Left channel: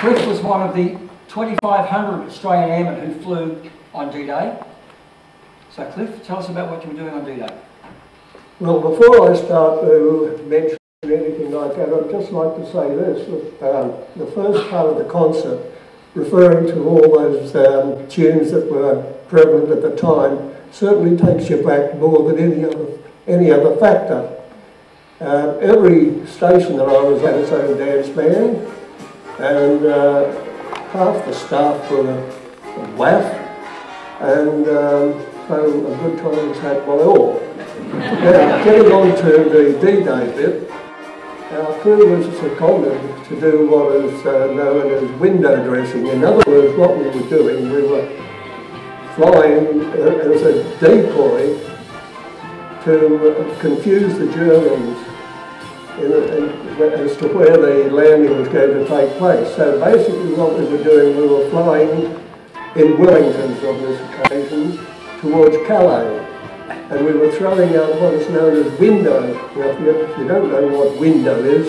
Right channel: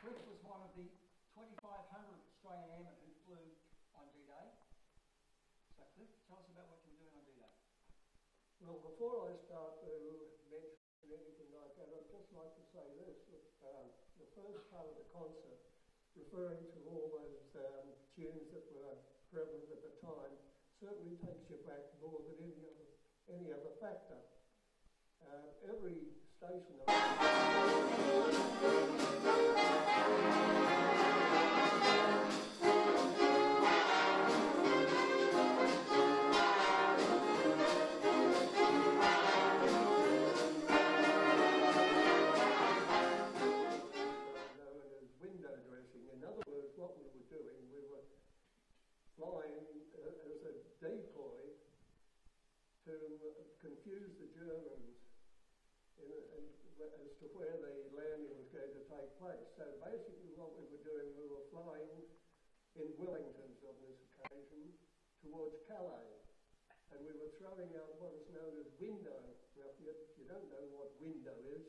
Cliff was one of the 2,500 Australian airmen who flew on D-Day. So Cliff, tell us about what you were doing on D-Day. Well, before I start to mention anything like that, I'd just like to say this. The first part of the concert, referring to all those tunes that were prevalent at the time, certainly takes you back more than any other factor. Every station that I was at its own dance band, and half the staff were WAAF, and so a good time was had by all. Now, getting on to the D-Day bit, our crew was seconded to do what is known as window dressing. In other words, what we were doing, we were flying as a decoy to confuse the Germans as to where the landing was going to take place. So basically what we were doing, we were flying in Wellingtons on this occasion towards Calais. And we were throwing out what is known as window. Now, if you don't know what window is,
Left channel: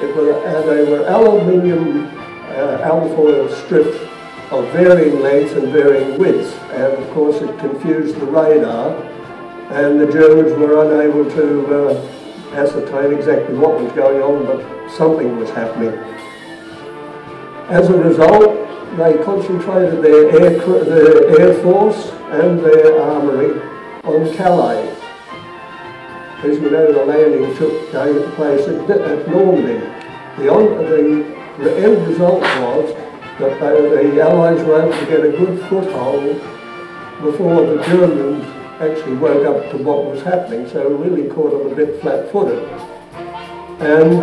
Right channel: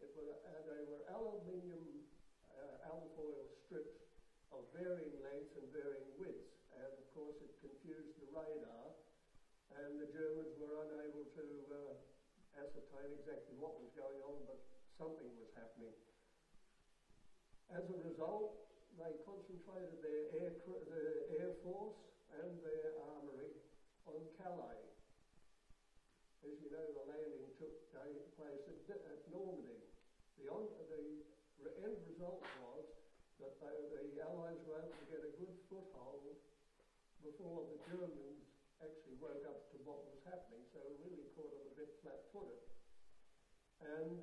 they were aluminium alfoil strips of varying lengths and varying widths. And of course it confused the radar, and the Germans were unable to ascertain exactly what was going on, but something was happening. As a result, they concentrated their air force and their armoury on Calais. As you know, the landing took place at Normandy. The end result was that the Allies were able to get a good foothold before the Germans actually woke up to what was happening, so really caught them a bit flat-footed. And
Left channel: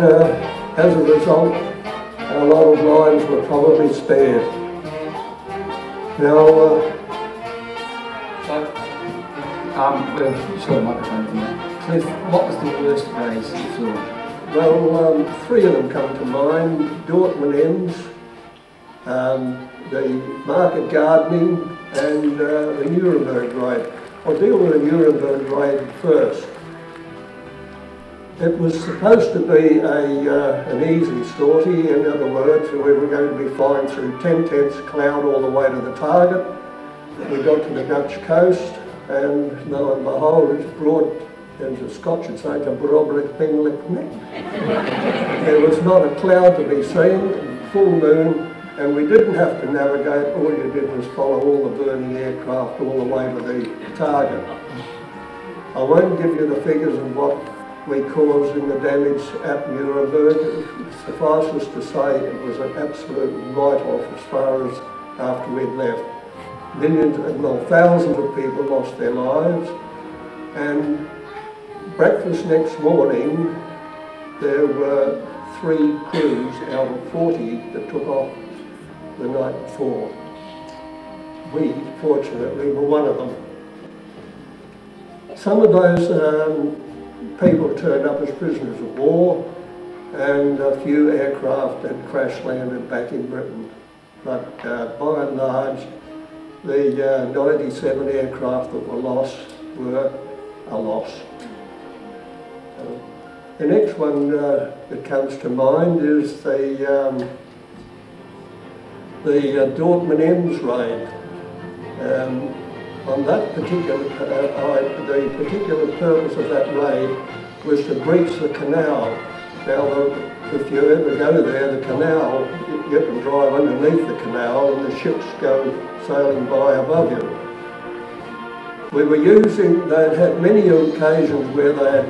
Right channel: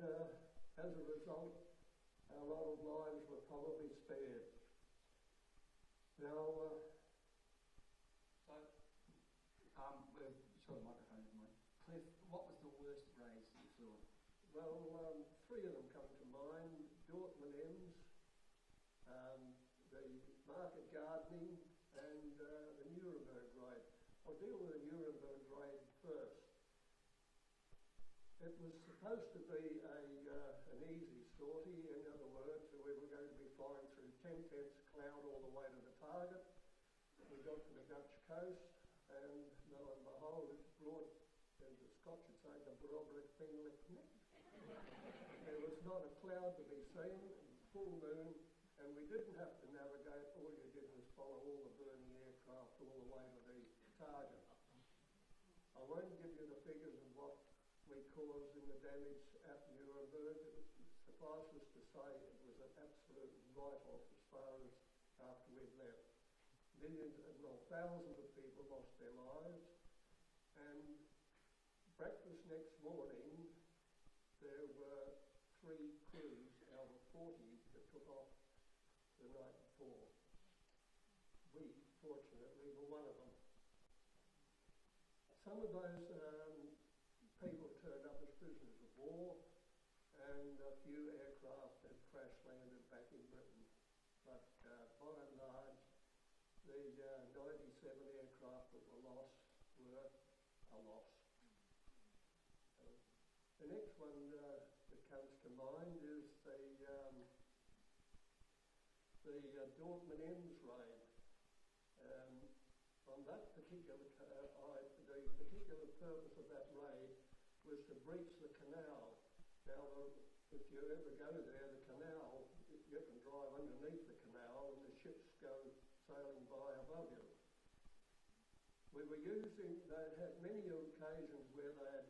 as a result, a lot of lives were probably spared. Now, Cliff, what was the worst days you flew on? Well, three of them come to mind: Dortmund Ems, the market gardening, and the Nuremberg raid. I'll deal with the Nuremberg raid first. It was supposed to be an easy sortie. In other words, we were going to be flying through 10 tenths cloud all the way to the target. We got to the Dutch coast, and lo and behold, it's broad, as the Scotch would say, a broad thing like neck. There was not a cloud to be seen, full moon, and we didn't have to navigate. All you did was follow all the burning aircraft all the way to the target. I won't give you the figures of what we caused in the damage at Nuremberg. Suffice us to say, it was an absolute write-off as far as after we'd left. Thousands of people lost their lives, and breakfast next morning there were 3 crews out of 40 that took off the night before. We, fortunately, were one of them. Some of those people turned up as prisoners of war, and a few aircraft had crash landed back in Britain. But by and large, the 97 aircraft that were lost were a loss. The next one that comes to mind is the Dortmund Ems raid. On that particular, the particular purpose of that raid was to breach the canal. Now, if you ever go there, the canal, you can drive underneath the canal and the ships go sailing by above you. We were using, they'd had many occasions where they had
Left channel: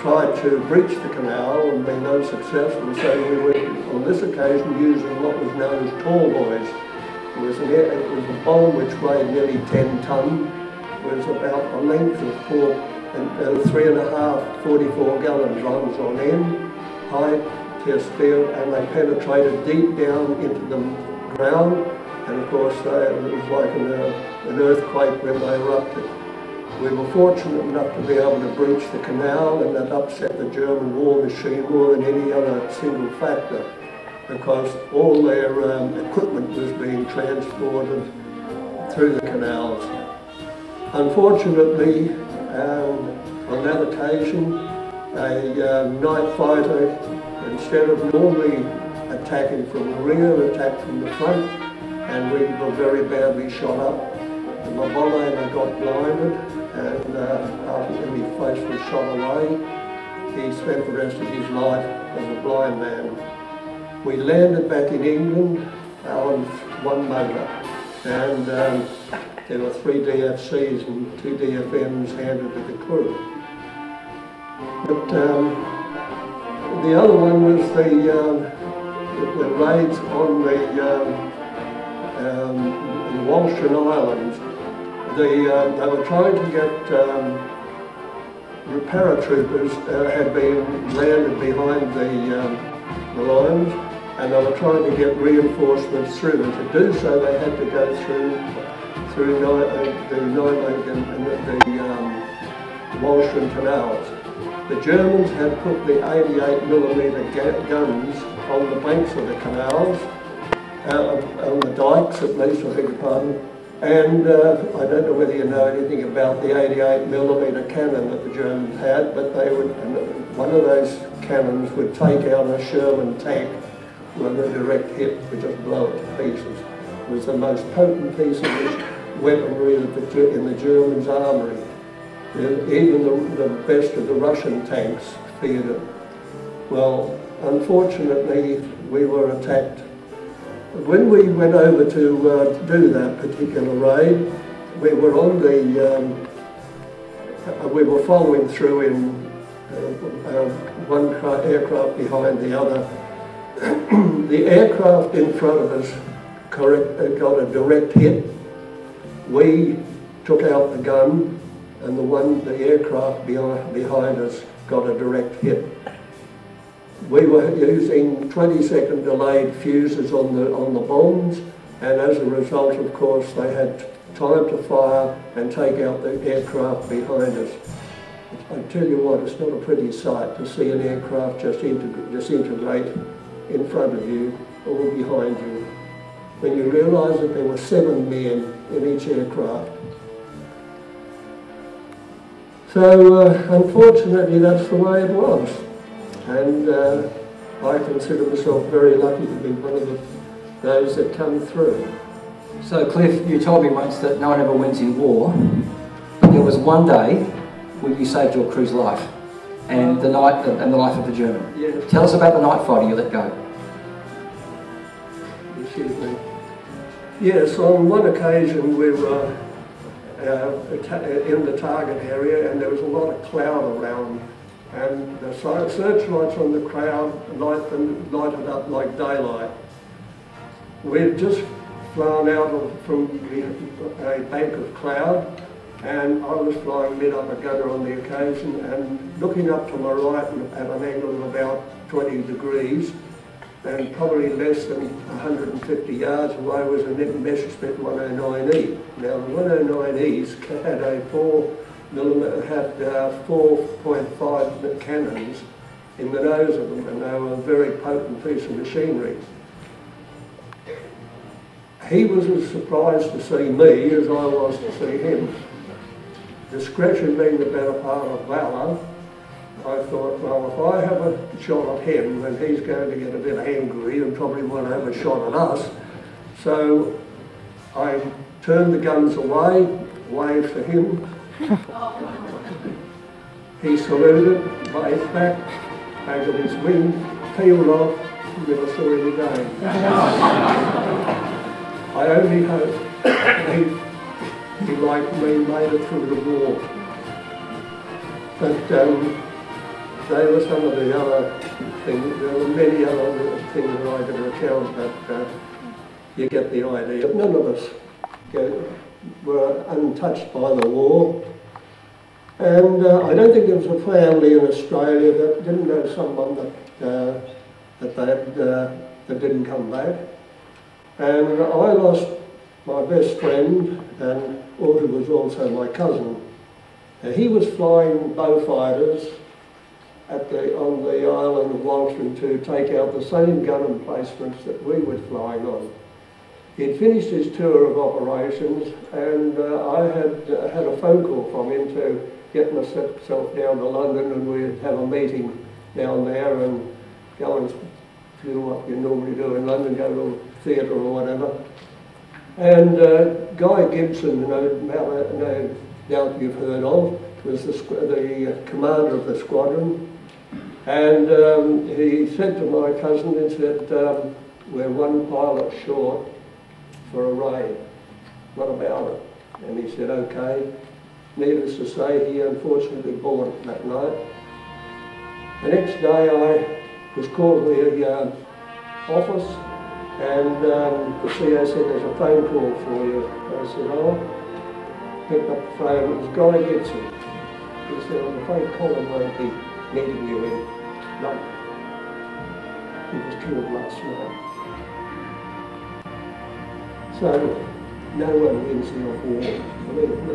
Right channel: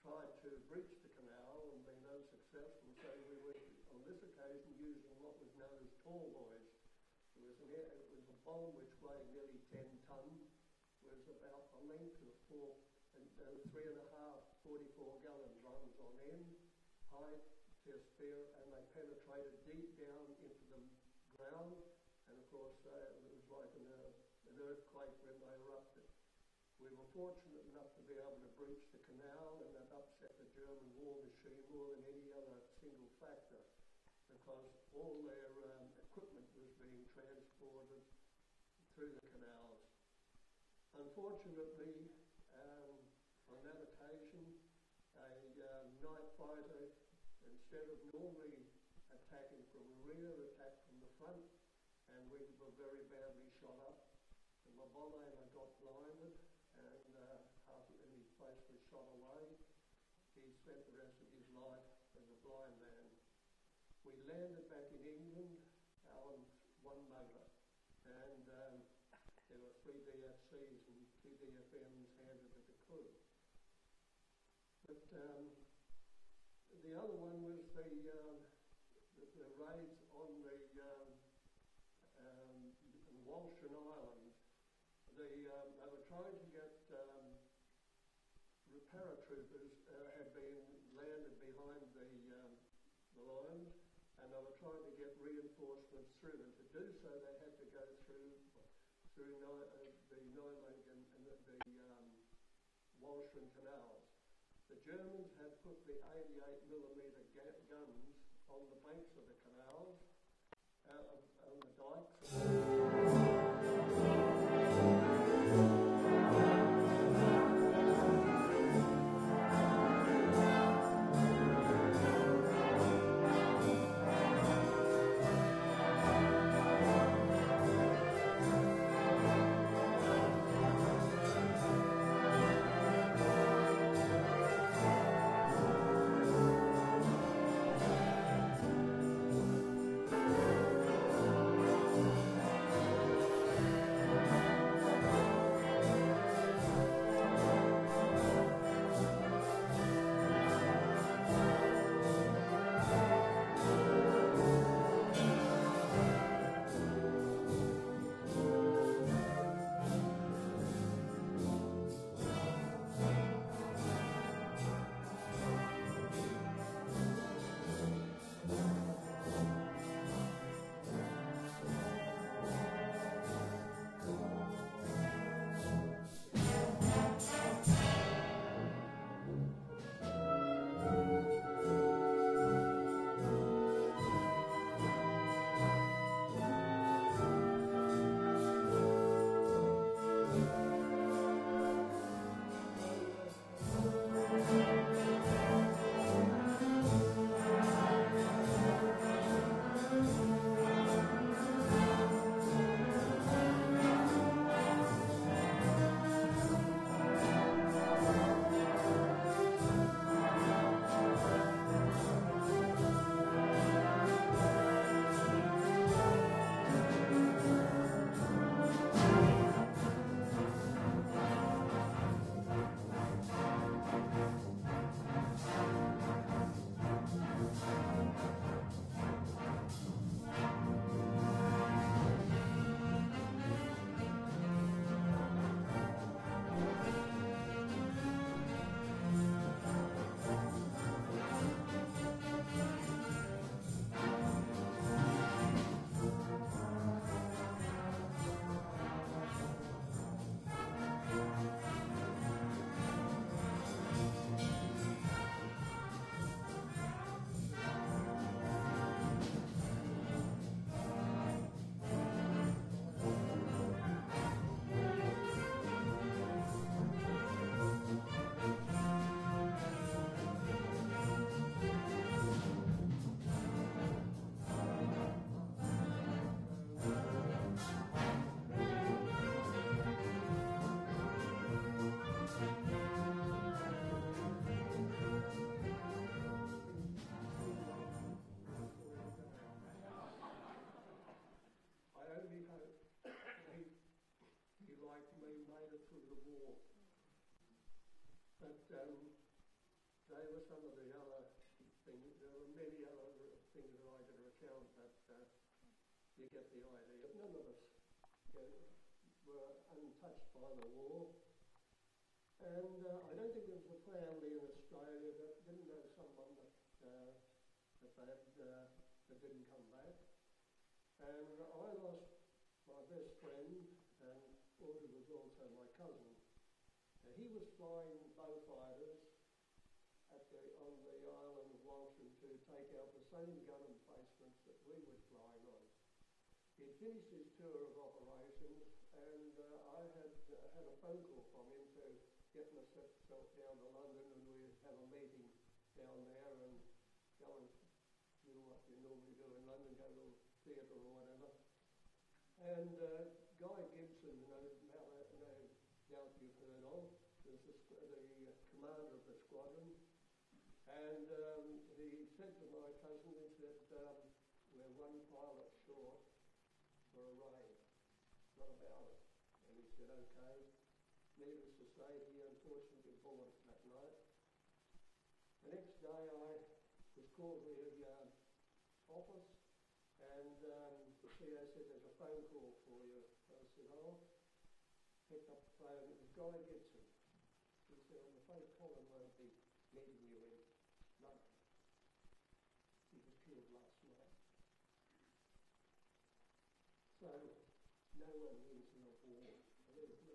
tried to breach the canal and been unsuccessful, so we were on this occasion using what was known as tall boys. It was a bomb which weighed nearly 10 tonnes. It was about a length of 3.5 44-gallon drums on end, high test field, and they penetrated deep down into the ground, and of course it was like an earthquake when they erupted. We were fortunate enough to be able to breach the canal, and that upset the German war machine more than any other single factor, because all their equipment was being transported through the canals. Unfortunately, on that occasion, a night fighter, instead of normally attacking from the rear, attacked from the front, and we were very badly shot up. And my bomber got blinded, and after his face was shot away, he spent the rest of his life as a blind man. We landed back in England on one motor, and there were 3 DFCs and 2 DFMs handed to the crew. But the other one was the raids on the Walcheren Islands. They were trying to get paratroopers had been landed behind the lines, and they were trying to get reinforcements through. And to do so, they had to go through the Walcheren canals. The Germans had put the 88mm guns on the banks of the canals, on the dikes at least, I beg your pardon. And I don't know whether you know anything about the 88mm cannon that the Germans had, but they would, one of those cannons would take out a Sherman tank with a direct hit to just blow it to pieces. It was the most potent piece of weaponry in the Germans' armoury. Even the best of the Russian tanks feared it. Well, unfortunately, we were attacked. When we went over to do that particular raid, we were on we were following through in one aircraft behind the other. The aircraft in front of us got a direct hit. We took out the gun, and the aircraft behind us got a direct hit. We were using 20-second delayed fuses on the bombs, and as a result, of course, they had time to fire and take out the aircraft behind us. I tell you what, it's not a pretty sight to see an aircraft just disintegrate in front of you or behind you. When you realise that there were 7 men in each aircraft. So, unfortunately, that's the way it was. And I consider myself very lucky to be one of those that come through. So Cliff, you told me once that no one ever wins in war. There was one day when you saved your crew's life, and the life of the German. Yeah. Tell us about the night fighter you let go. Excuse me. Yes, on one occasion we were in the target area, and there was a lot of cloud around. And the searchlights on the crowd lighted up like daylight. We had just flown out from a bank of cloud, and I was flying mid up a gutter on the occasion, and looking up to my right at an angle of about 20 degrees, and probably less than 150 yards away was a Messerschmitt 109E. Now the 109Es had a 4.5 cannons in the nose of them, and they were a very potent piece of machinery. He was as surprised to see me as I was to see him. Discretion being the better part of valour, I thought, well, if I have a shot at him, then he's going to get a bit angry and probably want to have a shot at us. So I turned the guns away, waved to him. He saluted, waved back, over his wing, peeled off, and never saw him again. I only hope he, like me, made it through the war. But they were some of the other things. There were many other things that I could recount, but you get the idea. None of us were untouched by the war. And I don't think there was a family in Australia that didn't know someone that didn't come back. And I lost my best friend, and who was also my cousin. He was flying Beaufighters on the island of Walcheren to take out the same gun emplacements that we were flying on. He'd finished his tour of operations, and I had a phone call from him to get myself down to London, and we'd have a meeting down there and go and do what you normally do in London, go to a theatre or whatever. And Guy Gibson, no doubt you've heard of, was the commander of the squadron. And he said to my cousin, he said, we're one pilot short for a raid. What about it? And he said, okay. Needless to say, he unfortunately boarded that night. The next day I was called to the office, and the CO said, there's a phone call for you. I said, oh. Picked up the phone, it was Guy Gibson. He said, I'm afraid Colin won't be needing you in London. He was killed last night. So, no one wins in a war, believe me.